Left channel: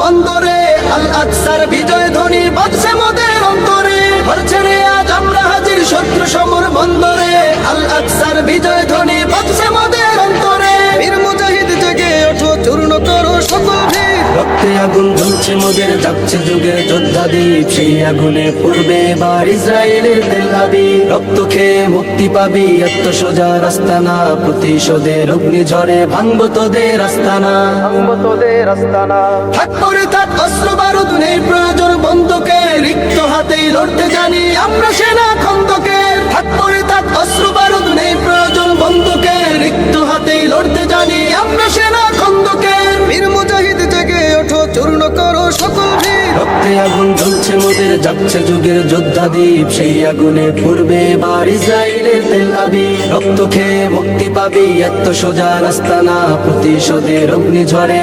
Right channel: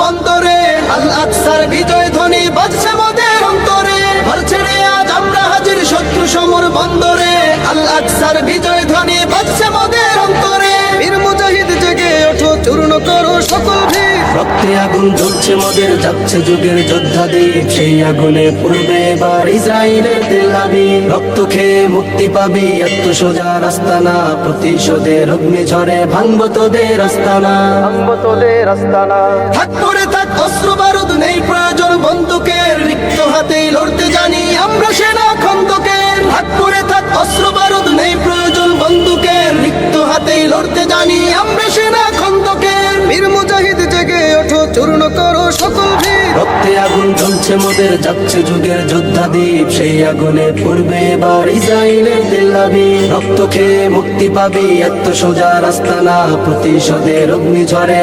বন্দরে আল আকসার বিজয় ধ্বনি বাজছে মোদের অন্তরে। ঘর ছেড়ে আজ আমরা হাজির শত্রু সমর বন্দরে, আল আকসার বিজয় ধ্বনি বাজছে মোদের অন্তরে। বীর মুজাহিদ জেগে ওঠো, চূর্ণ করো সকল ভিড়। রক্তে আগুন জ্বলছে মোদের, যাচ্ছে যুগের যোদ্ধা দ্বীপ। সেই আগুনে পড়বে এবার ইসরায়েলের তেল আবিব। রক্ত খেয়ে মুক্তি পাবি, এত সোজা রাস্তা না। প্রতিশোধের অগ্নি ঝরে ভাঙবো তোদের আস্তানা, ভাঙবো তোদের আস্তানা। থাক করে থাক অস্ত্র বারুদ, নেই প্রয়োজন বন্দুকের। রিক্ত হাতেই লড়তে জানি আমরা সেনা খন্দকের। থাক করে থাক অস্ত্র বারুদ, নেই প্রয়োজন বন্দুকের। রিক্ত হাতেই লড়তে জানি আমরা সেনা খন্দকের। বীর মুজাহিদ জেগে ওঠো, চূর্ণ করো সকল ভিড়। রক্তে আগুন জ্বলছে মোদের, যাচ্ছে যুগের যোদ্ধা দ্বীপ। সেই আগুনে পড়বে এবার ইসরায়েলের তেল আবিব। রক্ত খেয়ে মুক্তি পাবি, এত সোজা রাস্তা না। প্রতিশোধের অগ্নি ঝরে